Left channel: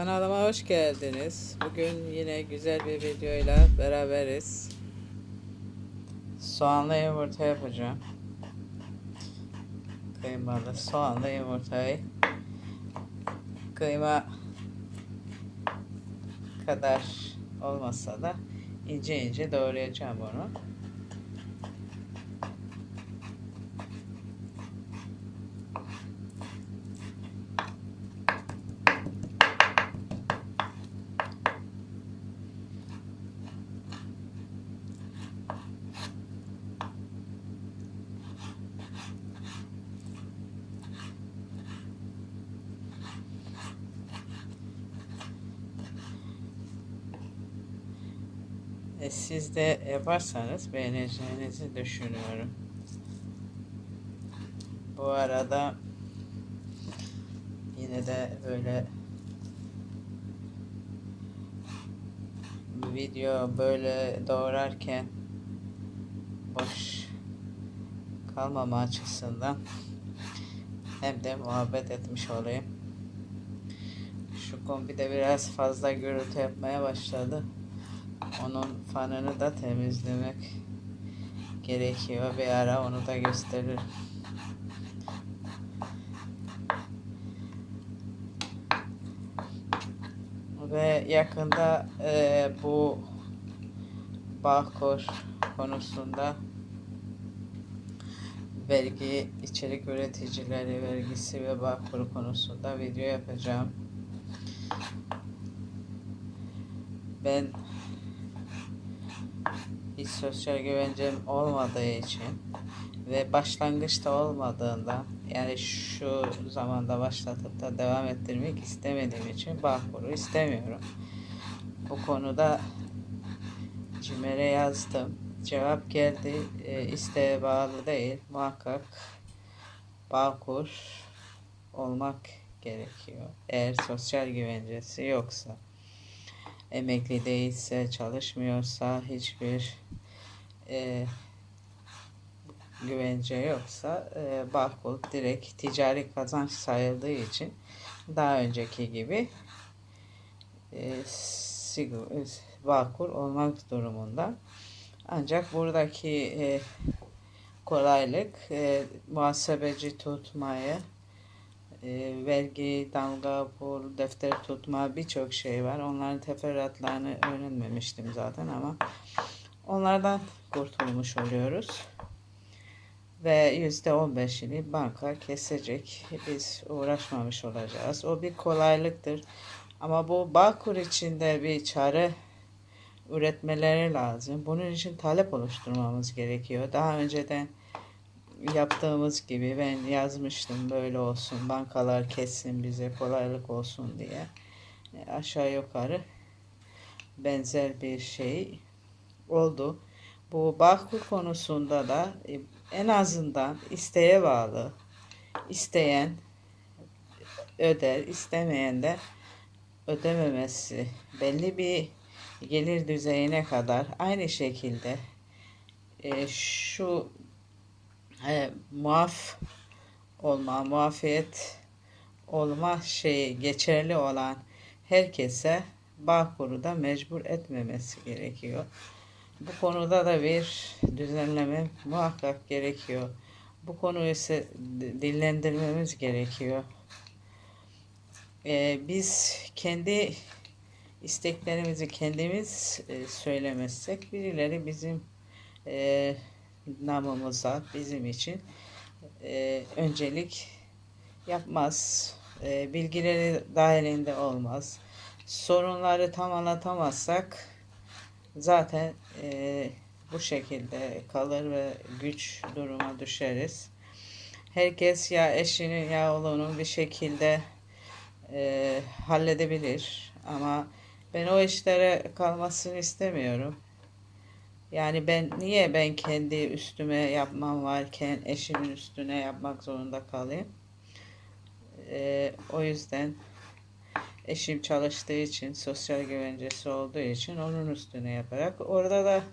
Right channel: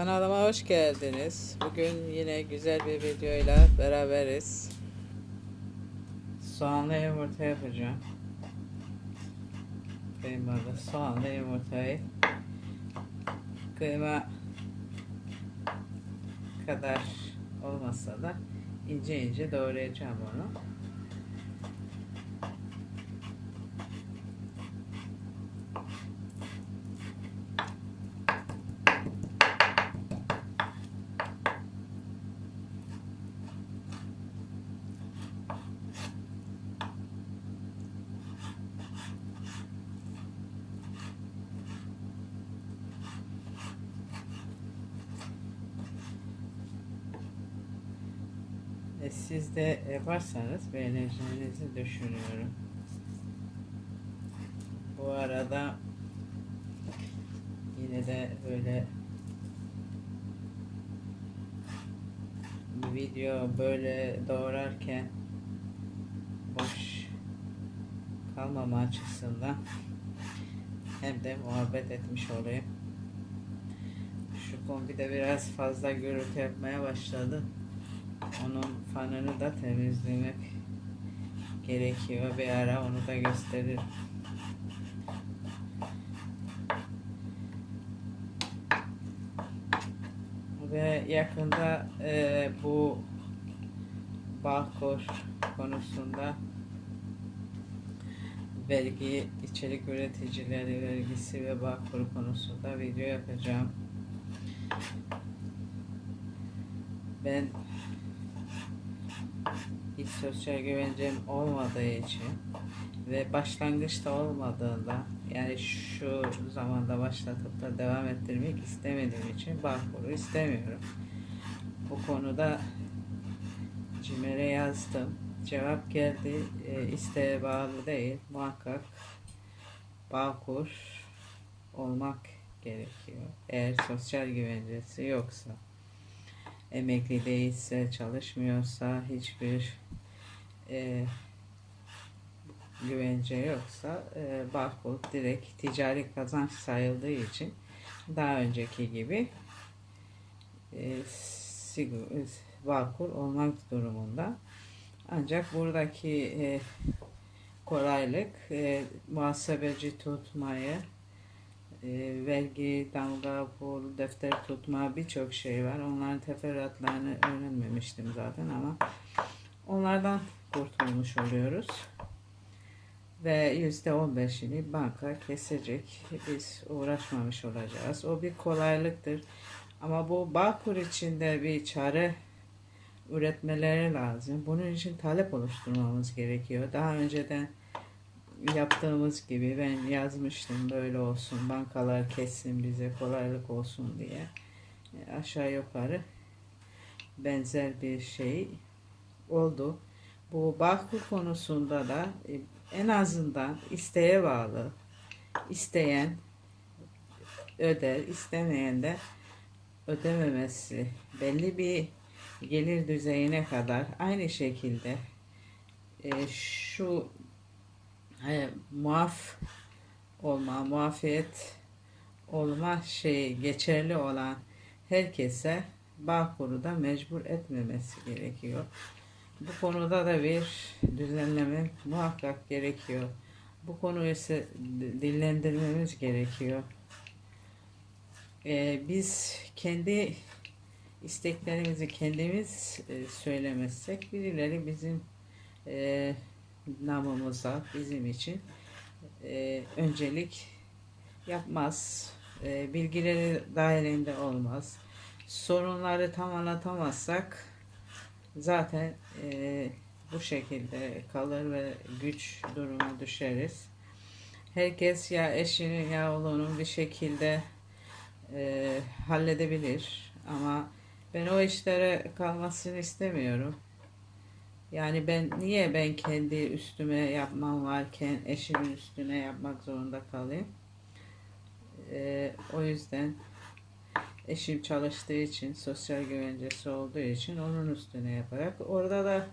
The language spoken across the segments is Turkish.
Kanalıma hoş geldiniz. Bugün yine güzel bir videoyla beraberiz. Soğanlı yumurta yapacağım. Kıymalı soğanlı yumurtayı kıyma kadar olmasa da ince ince doğrayacağım onu. Siz de yaparsanız beğeneceğinizi düşünüyorum. Bu arada yine de böyle video böyle doğrarken boş kalmama açısından hem de muhabbet etmiş olayım. Şu kombide biraz fazla gürültü yapmaya başladı. Onun fanını da temizlemek gerekiyor. Bir ara onu da gösteririm. Ve yakında e, bu Bağkur konusunda vergi içerik üreticileri vergisi ve Bağkur konusunda video yapacağım. Ben sosyal güvencem olmadığı için ve başlangıçta olmadığında yani şu zamanda başlatıp da devam ettirmek istemediğim için Bağkur'u istemiyorum. Bu konuda CİMER'e yazdım. Cevap geldi. E, isteğe bağlı değil. Muhakkak Bağkur olmak gerekiyor. Eğer sosyal güvencesi yoksa emekli değilse, çalışmıyorsa, hiçbir e, güvence yoksa e, Bağkur direkt ticari kazanç sayıldığı için daha önceki gibi e, sigur, e, Bağkur olmak durumunda. Ancak buradaki e, kolaylık e, muhasebeci tutmayı e, vergi, damga, bur, defter tutma birçok şey var. Onların teferruatlarını öğrenmemiştim zaten ama onlardan kurtulmuş oluyoruz. Ve yüzde on beşini banka kesecek. Biz uğraşmamış olacağız. O bir kolaylıktır. Ama bu Bağkur içinde bir çare üretmeleri lazım. Bunun için talep oluşturmamız gerekiyor. Daha önceden yaptığımız gibi ben yazmıştım böyle olsun bankalar kessin bize kolaylık olsun diye e, aşağı yukarı benzer bir şey oldu. Bu Bağkur konusunda da e, en azından isteğe bağlı isteyen öder istemeyen de ödememesi belli bir gelir düzeyine kadar aynı şekilde e, şu e, muaf olma, muafiyet olma şeyi geçerli olan herkese Bağkur'u da mecbur etmemesi gerekiyor. Bu konuda da bir düzenleme muhakkak gerekiyor. Bu konuyu ise dillendirmemiz gerekiyor. Ee, biz kendi isteklerimizi kendimiz e, söylemezsek birileri bizim e, namımıza bizim için e, öncelik yapmaz. E, bilgileri dahilinde olmaz. Sorunları tam anlatamazsak zaten e, bu şekilde kalır ve güç duruma düşeriz. Herkes ya eşini ya oğlunu bir şekilde e, halledebilir ama ben o işlere kalmasını istemiyorum. Yani ben niye ben kendi üstüme yapmam varken eşimin üstüne yapmak zorunda kalayım? Ee, o yüzden eşim çalıştığı için sosyal güvencesi olduğu için onun üstüne yaparak orada da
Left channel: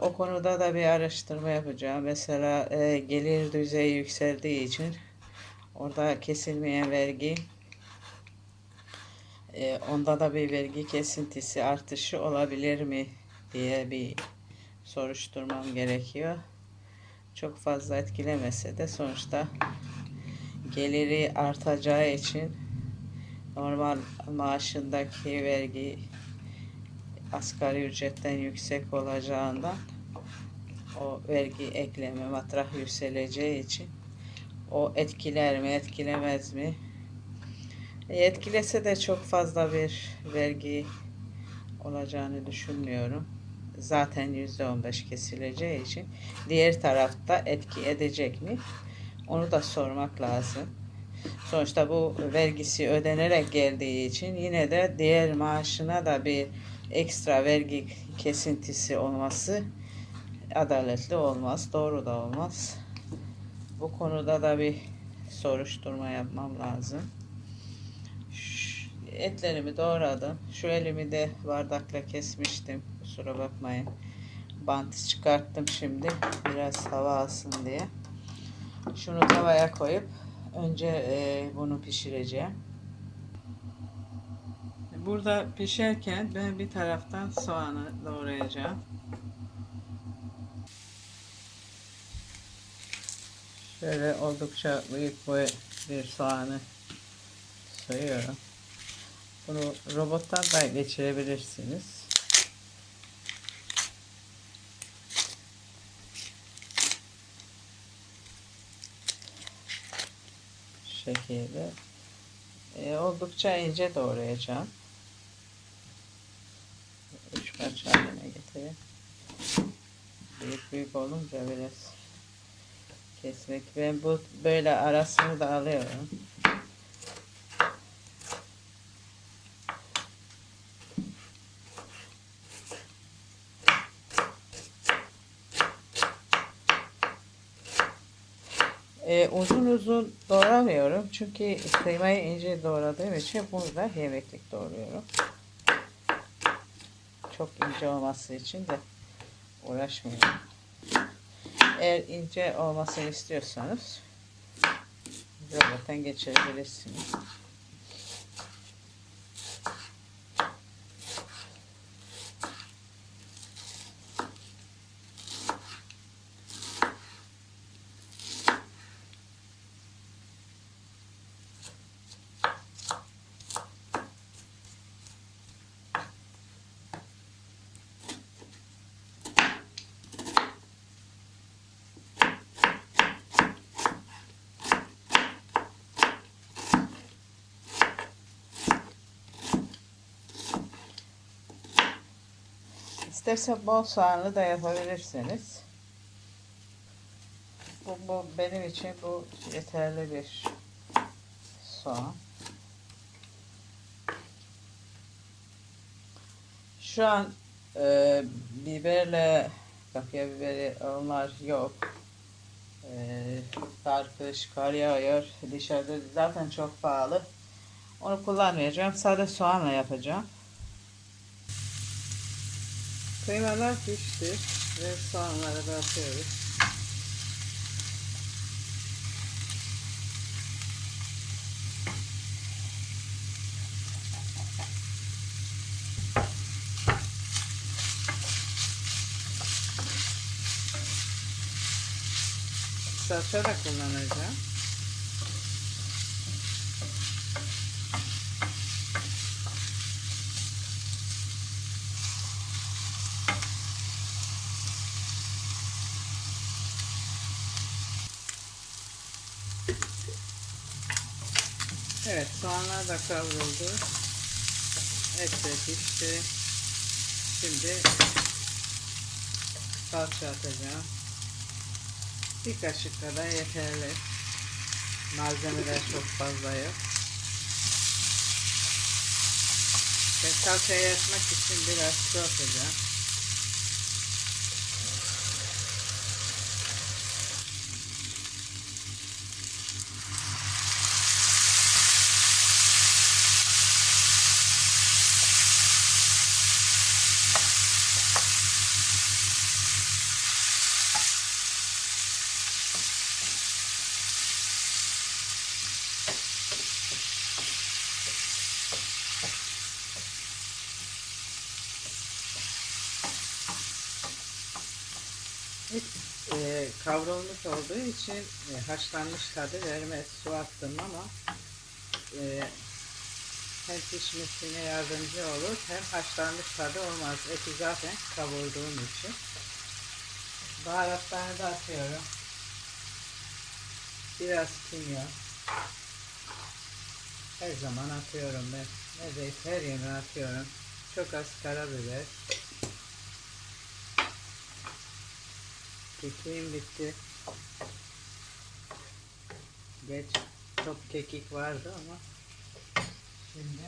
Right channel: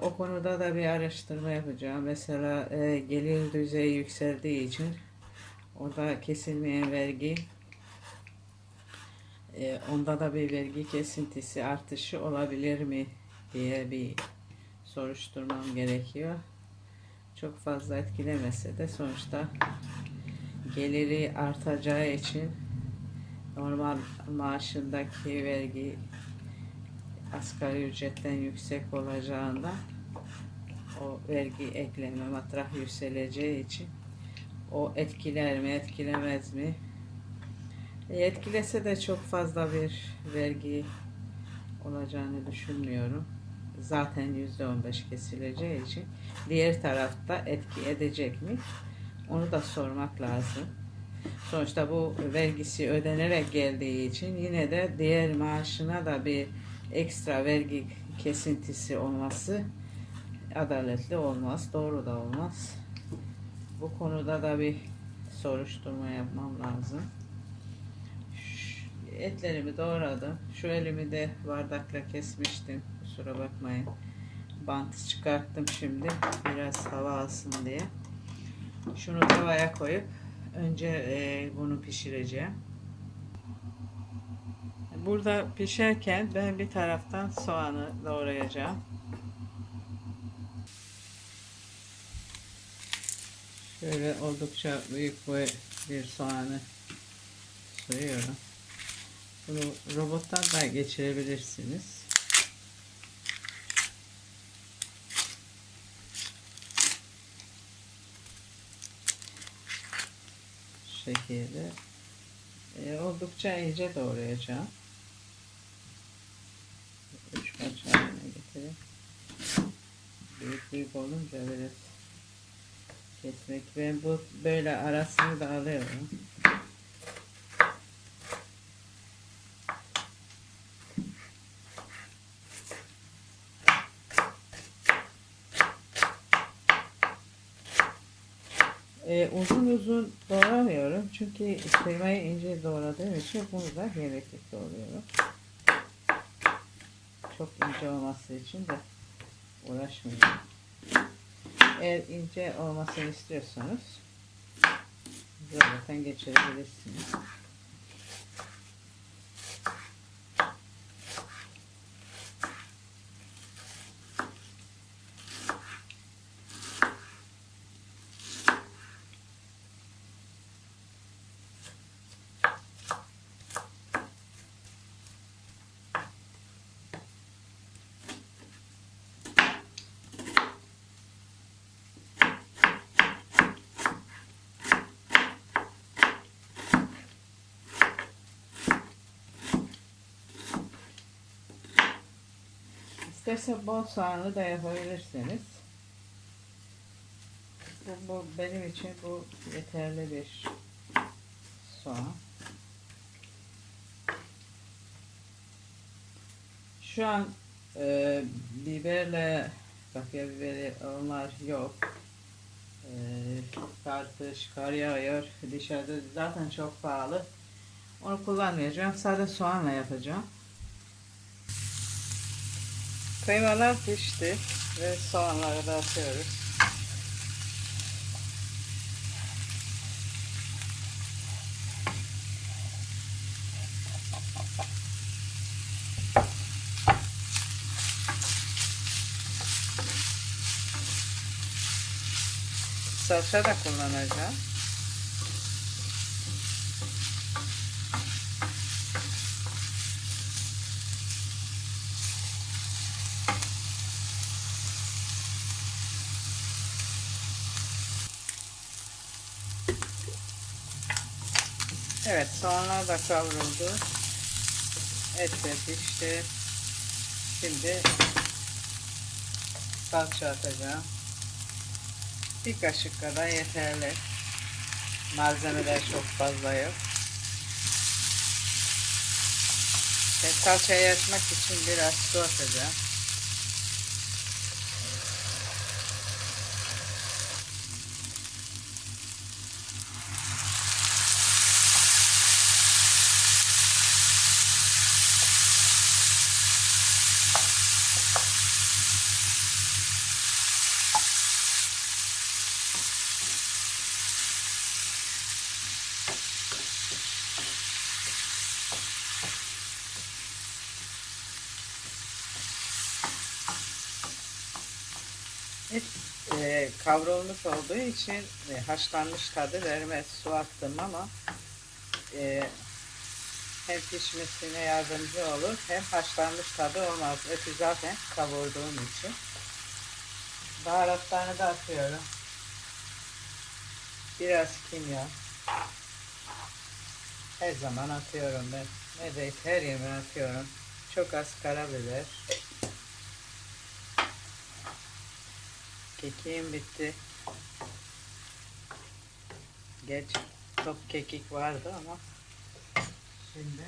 o konuda da bir araştırma yapacağım. Mesela e, gelir düzeyi yükseldiği için orada kesilmeyen vergi e, onda da bir vergi kesintisi artışı olabilir mi diye bir soruşturmam gerekiyor. Çok fazla etkilemese de sonuçta geliri artacağı için normal maaşındaki vergi asgari ücretten yüksek olacağından o vergi ekleme matrah yükseleceği için o etkiler mi etkilemez mi? E, etkilese de çok fazla bir vergi olacağını düşünmüyorum. Zaten %15 kesileceği için. Diğer tarafta etki edecek mi? Onu da sormak lazım sonuçta bu vergisi ödenerek geldiği için yine de diğer maaşına da bir ekstra vergi kesintisi olması adaletli olmaz, doğru da olmaz. Bu konuda da bir soruşturma yapmam lazım. Ş- Etlerimi doğradım. Şu elimi de bardakla kesmiştim. Kusura bakmayın. Bantı çıkarttım şimdi. Biraz hava alsın diye. Şunu tavaya koyup önce e, bunu pişireceğim. Burada pişerken ben bir taraftan soğanı doğrayacağım. Şöyle oldukça büyük boy bir soğanı soyuyorum. Bunu robottan da geçirebilirsiniz. Şekilde e, oldukça ince doğrayacağım. Üç parça haline getireyim. Büyük büyük olunca biraz kesmek. Ben bu böyle arasını da alıyorum. Ee, uzun uzun doğramıyorum çünkü kıymayı ince doğradığım için burada yemeklik doğruyorum. Çok ince olması için de uğraşmıyorum. Eğer ince olmasını istiyorsanız zaten geçirebilirsiniz. İsterse bol soğanlı da yapabilirsiniz. Bu, bu benim için bu yeterli bir soğan. Şu an e, biberle kapya biberi onlar yok. E, kar, kış, kar yağıyor. Dışarıda zaten çok pahalı. Onu kullanmayacağım. Sadece soğanla yapacağım. Kıymalar pişti ve soğanları da atıyoruz. Salça da kullanacağım. Evet soğanlar da kavruldu. Et de pişti. Şimdi salça atacağım. Bir kaşık kadar yeterli. Malzemeler çok fazla yok. Ben salçayı açmak için biraz su atacağım. E, kavrulmuş olduğu için e, haşlanmış tadı vermez. Su attım ama e, hem pişmesine yardımcı olur hem haşlanmış tadı olmaz. Eti zaten kavurduğum için. Baharatlarını da atıyorum. Biraz kimyon. Her zaman atıyorum ben. Neredeyse her yemeğe atıyorum. Çok az karabiber. Kekiğim bitti. Geç çok kekik vardı ama şimdi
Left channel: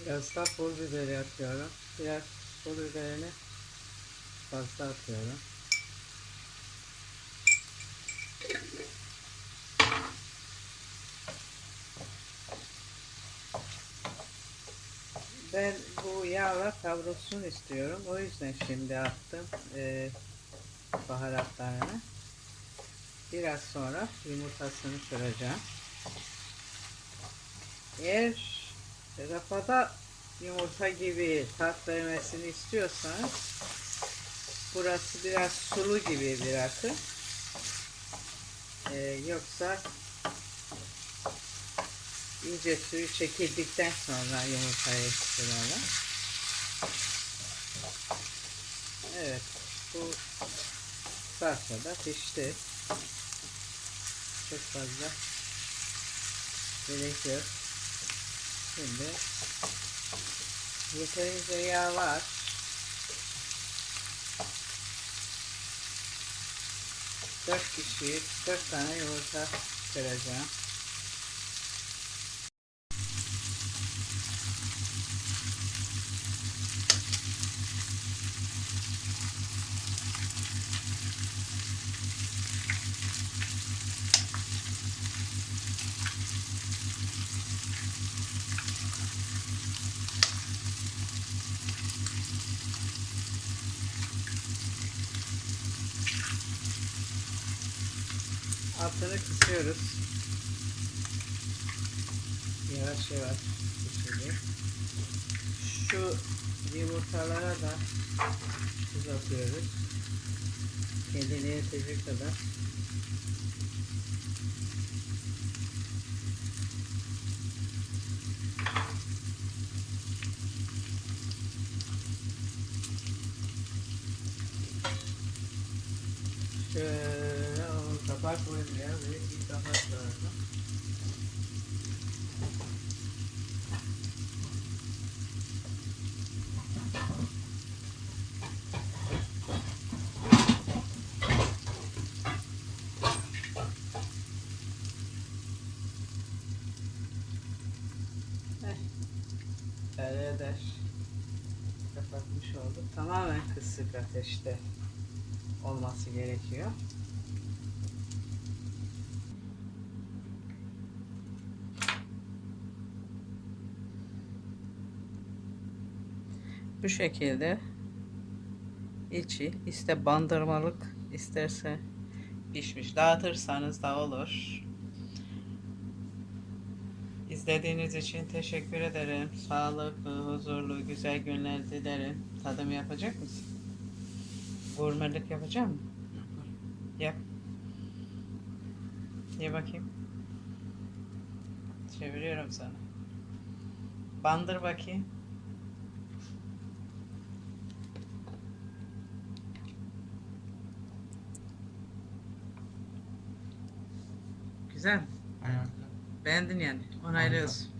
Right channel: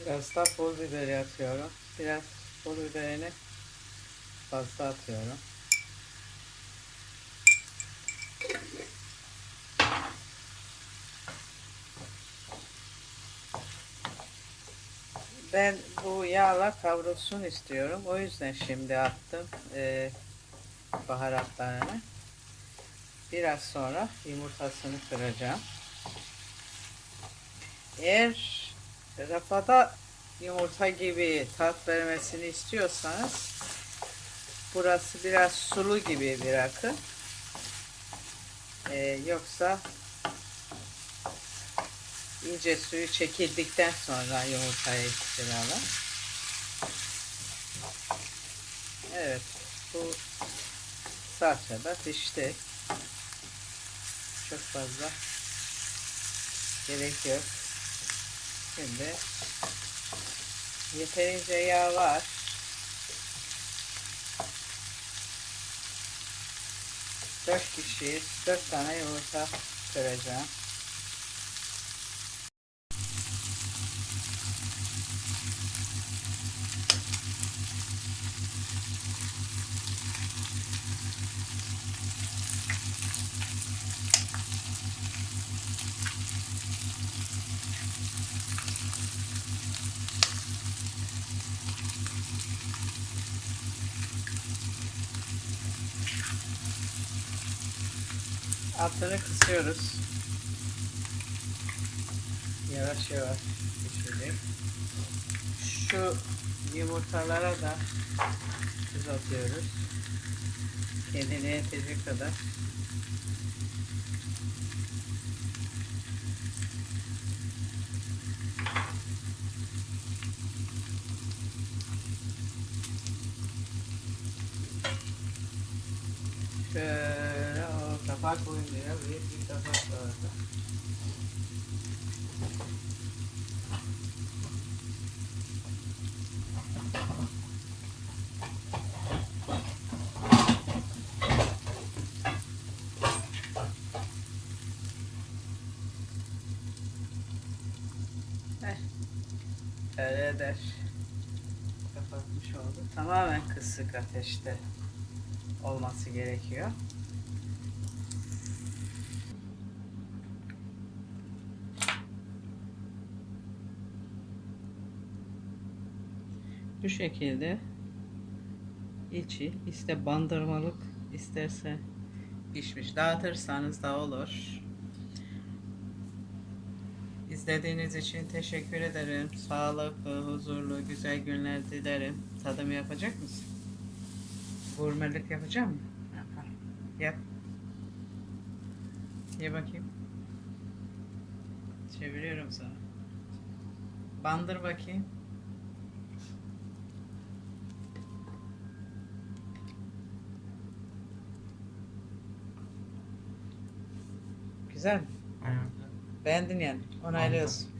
biraz da pul biberi atıyorum. Biraz pul biberini fazla atıyorum. Ben bu yağla kavrulsun istiyorum. O yüzden şimdi attım eee, baharatlarını. Biraz sonra yumurtasını kıracağım. Eğer rafada yumurta gibi tat vermesini istiyorsanız burası biraz sulu gibi bırakın. Eee, yoksa iyice suyu çekildikten sonra yumurtayı ekleyelim. Evet, bu salça da pişti. Çok fazla gerek yok. Şimdi yeterince yağ var. Dört kişi, dört tane yumurta kıracağım. Altını kısıyoruz. Yavaş yavaş pişecek. Şu yumurtalara da tuz atıyoruz. Kendine yetecek kadar. Şöyle o kapak koymaya böyle bir kapak lazım. Heh. Öyle eder. Kapatmış oldu. Tamamen kısık ateşte olması gerekiyor. Bu şekilde içi iste bandırmalık isterse pişmiş. Dağıtırsanız da olur. İzlediğiniz için teşekkür ederim. Sağlıklı, huzurlu, güzel günler dilerim. Tadım yapacak mısın? Gurmelik yapacak mısın? Yap. Ye bakayım. Çeviriyorum sana. Bandır bakayım. Güzel mi? Aynen. Beğendin yani. Onaylıyorsun.